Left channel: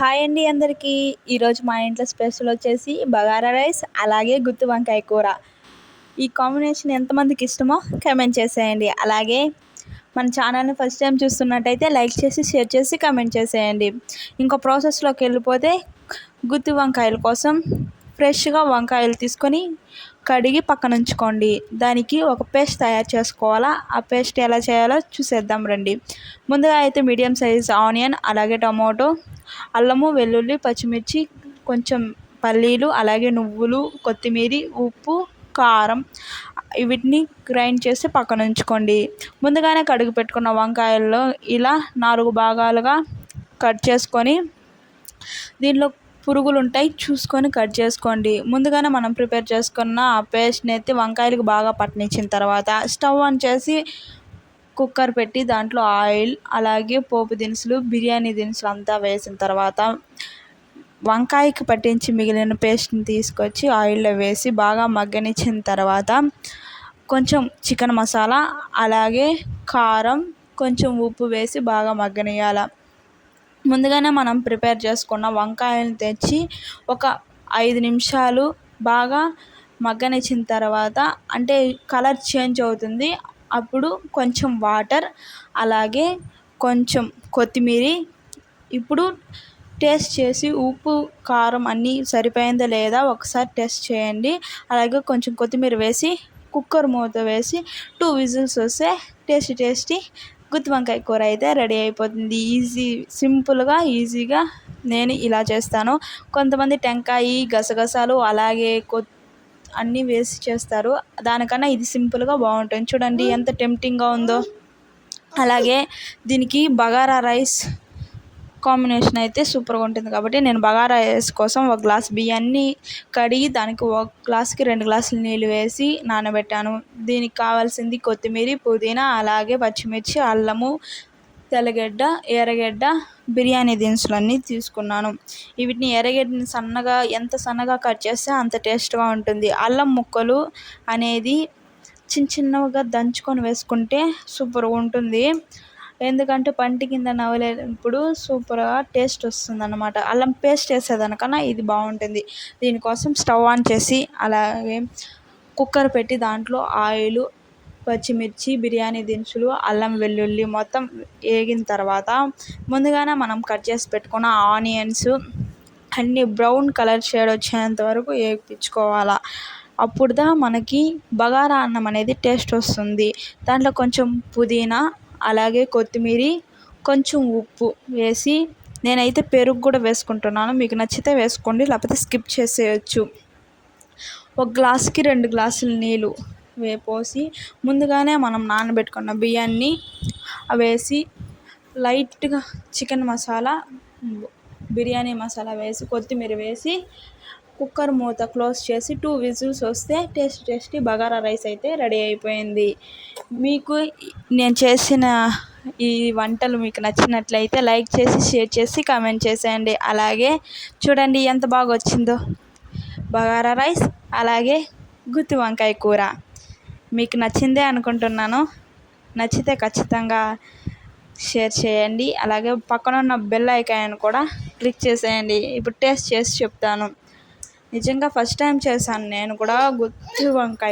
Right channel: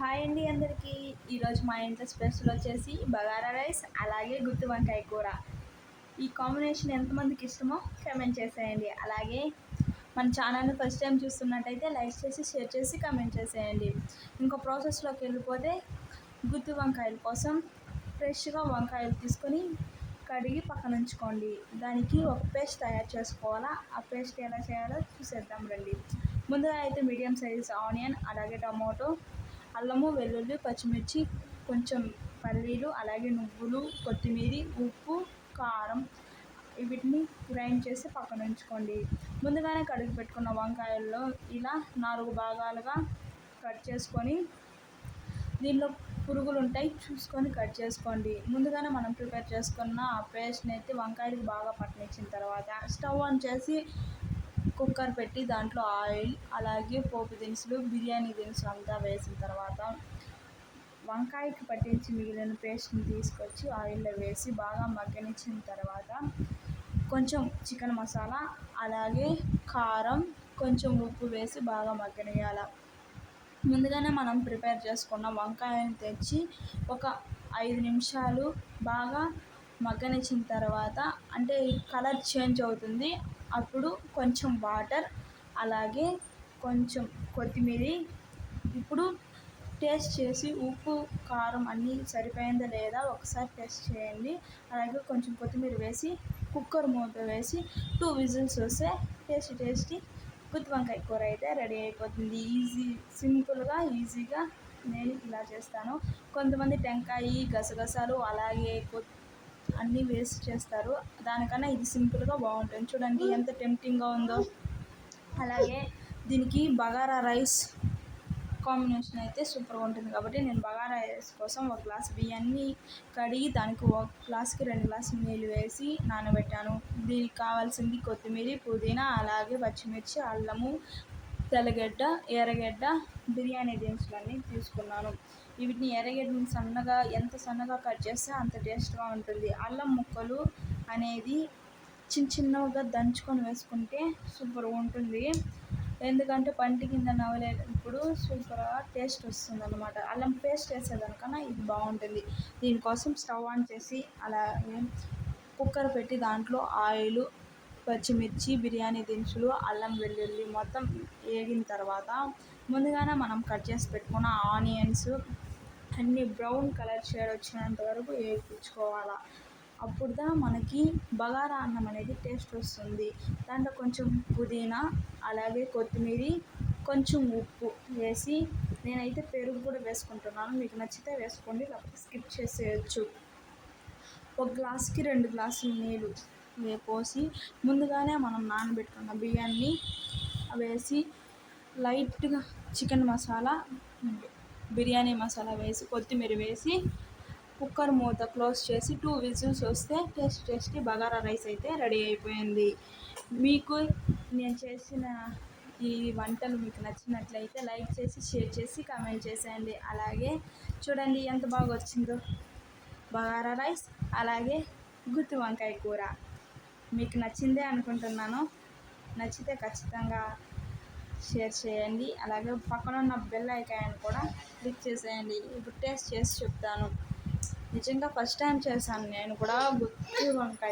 Hi అండి అందరికీ. ఈరోజు మా ఇంట్లో స్పెషల్ వచ్చేసి బగారా రైస్ అలాగే గుత్తి వంకాయ కూర. ఈ కాంబినేషన్ ఎంతమందికి ఇష్టమో కామెంట్ చేసేయండి. అలాగే మన ఛానల్ని ఫస్ట్ టైం చూస్తున్నట్టయితే లైక్ చేసి షేర్ చేసి కామెంట్ చేసేయండి. ఇంకో ప్రాసెస్లోకి వెళ్ళిపోతే గుత్తి వంకాయల కోసం ఫ్రెష్గా వంకాయలు తీసుకొని కడిగి పక్కన ఉంచుకోండి. దానికి ఒక పేస్ట్ తయారు చేసుకోవాలా. ఆ పేస్ట్ ఎలా చేయాలో చూసేద్దాం రండి. ముందుగా అయితే మీడియం సైజ్ ఆనియన్, అలాగే టమాటో, అల్లము, వెల్లుల్లి, పచ్చిమిర్చి, కొంచెం పల్లీలు, అలాగే నువ్వులు, కొత్తిమీర, ఉప్పు, కారం వీటిని గ్రైండ్ చేసి పక్కన ఉంచుకోండి. ముందుగానే కడుగు పెట్టుకున్న వంకాయల్లో ఇలా 4 భాగాలుగా కట్ చేసుకొని దీనిలో పురుగులు ఉంటాయి చూసుకొని కట్ చేసుకోండి. ముందుగానే మనం ప్రిపేర్ చేసుకున్న ఆ పేస్ట్ని ఎత్తి వంకాయలకు బాగా పట్టనిచ్చిన తర్వాత స్టవ్ ఆన్ చేసి కుక్కర్ పెట్టి దాంట్లో ఆయిల్, అలాగే పోపు దినుసులు, బిర్యానీ దినుసులు అంతా వేసిన తర్వాత వంకాయకి పట్టించి మిగిలిన పేస్ట్ని తీసుకొచ్చి ఆయిల్లో వేసి బాగా మగ్గనిచ్చిన తర్వాత కొంచెం చికెన్ మసాలా, అలాగే కారం, కొంచెం ఉప్పు వేసి బాగా మగ్గనియాల. ముందుగానే మనం ప్రిపేర్ చేసుకున్న వంకాయలను తెచ్చి ఒక 5 నిమిషాలు బాగా మగ్గనిచ్చిన తర్వాత, అంటే కలర్ చేంజ్ అవుతుంది, అప్పుడు కొంచెం వాటర్, అలాగే కొంచెం కొత్తిమీర, ఇప్పుడు టేస్ట్ చేసి ఉప్పు కారం అన్నీ సరిపోయిందా లేదా ఒకసారి టెస్ట్ చేయండి. అలాగే కొంచెం కొత్తిమీర వేసి కుక్కర్ మూత వేసి 2 విజిల్స్ వస్తే టేస్టీ గుత్తి వంకాయ కూర అయితే రెడీ అయిపోతుంది. సింపుల్గా ఈజీగా నేను ఇలా చేస్తాను. కొంతమంది టెంకాయ, గసగసాలు, అలాగే అన్నీ వేసి చేస్తారు. దానికన్నా ఇది సింపుల్గా బాగుంటుంది. చూడండి ఎంత టెంప్టింగ్గా ఉందో. అలాగే దీనికి బగారా రైస్ కాంబినేషన్ అయితే సూపర్గా ఉంటుంది. కాబట్టి నేను బగారా రైస్ కోసం ఒక గ్లాస్ బియ్యాన్ని కడిగి దానికి ఒక గ్లాస్కి 2 గ్లాసులు నీళ్ళు వేసి నానబెట్టాను. దీనికి కావాల్సింది కొత్తిమీర, పుదీనా, అలాగే పచ్చిమిర్చి, అల్లము, తెల్లగడ్డ, ఎర్రగడ్డ, బిర్యానీ దినుసులన్నీ తీసుకున్నాను. వీటిని ఎర్రగడ్డని ఎంత సన్నగా కట్ చేస్తే అంత టేస్ట్గా ఉంటుంది. అల్లం ముక్కలు అనేది చిన్నగా దంచుకొని వేసుకుంటే సూపర్గా ఉంటుంది. ఎందుకంటే పంటి కింద నవలేనప్పుడు సూపర్గా టేస్ట్ వస్తుంది అన్నమాట. అల్లం పేస్ట్ వేసేదానికన్నా ఇది బాగుంటుంది. దీనికోసం స్టవ్ ఆన్ చేసి అలాగే కుక్కర్ పెట్టి దాంట్లో ఆయిల్, పచ్చిమిర్చి, బిర్యానీ దినుసులు, అల్లం, వెల్లుల్లి మొత్తం వేగిన తర్వాత ముందుగానే మనం కట్ చేసి పెట్టుకున్న ఆనియన్స్ అన్నీ బ్రౌన్ కలర్ షేడ్ వచ్చేంత వరకు వేయించుకోవాలి. అప్పుడుదా మనకి బగారా అన్నం అనేది టేస్ట్ వస్తుంది. దాంట్లో కొంచెం పుదీనా, అలాగే కొత్తిమీర, కొంచెం ఉప్పు వేసి, నేనైతే పెరుగు కూడా వేసుకుంటున్నాను. మీకు నచ్చితే వేసుకోండి, లేకపోతే స్కిప్ చేసేయచ్చు. ఒక గ్లాస్కి 2 గ్లాసులు నీళ్ళు పోసి ముందుగానే మనం నానబెట్టుకున్న బియ్యాన్ని వేసి లైట్గా చికెన్ మసాలా, బిర్యానీ మసాలా వేసి కొత్తిమీర వేసి కుక్కర్ మూత క్లోజ్ చేసి 2 విజిల్స్ వస్తే టేస్టీ బగారా రైస్ అయితే రెడీ అయిపోయింది. మీకు నేను చేసిన ఈ వంటలు మీకు నచ్చినట్లయితే లైక్ చేసి షేర్ చేసి కామెంట్ చేసేయండి. అలాగే చూడండి ఎంత బాగా వచ్చిందో బగారా రైస్, అలాగే గుత్తి వంకాయ కూర. మీకు నచ్చిందే అనుకుంటున్నాను. నచ్చితే ఖచ్చితంగా షేర్ చేయండి. అలాగే పక్కన ఉన్న బెల్ ఐకాన్ కూడా క్లిక్ చేసేయండి. ఇప్పుడు టేస్ట్ చేసి చెప్తాను. నిజంగా ఫస్ట్ టైం చేశాను నేను కూడా గుత్తి వంకాయ.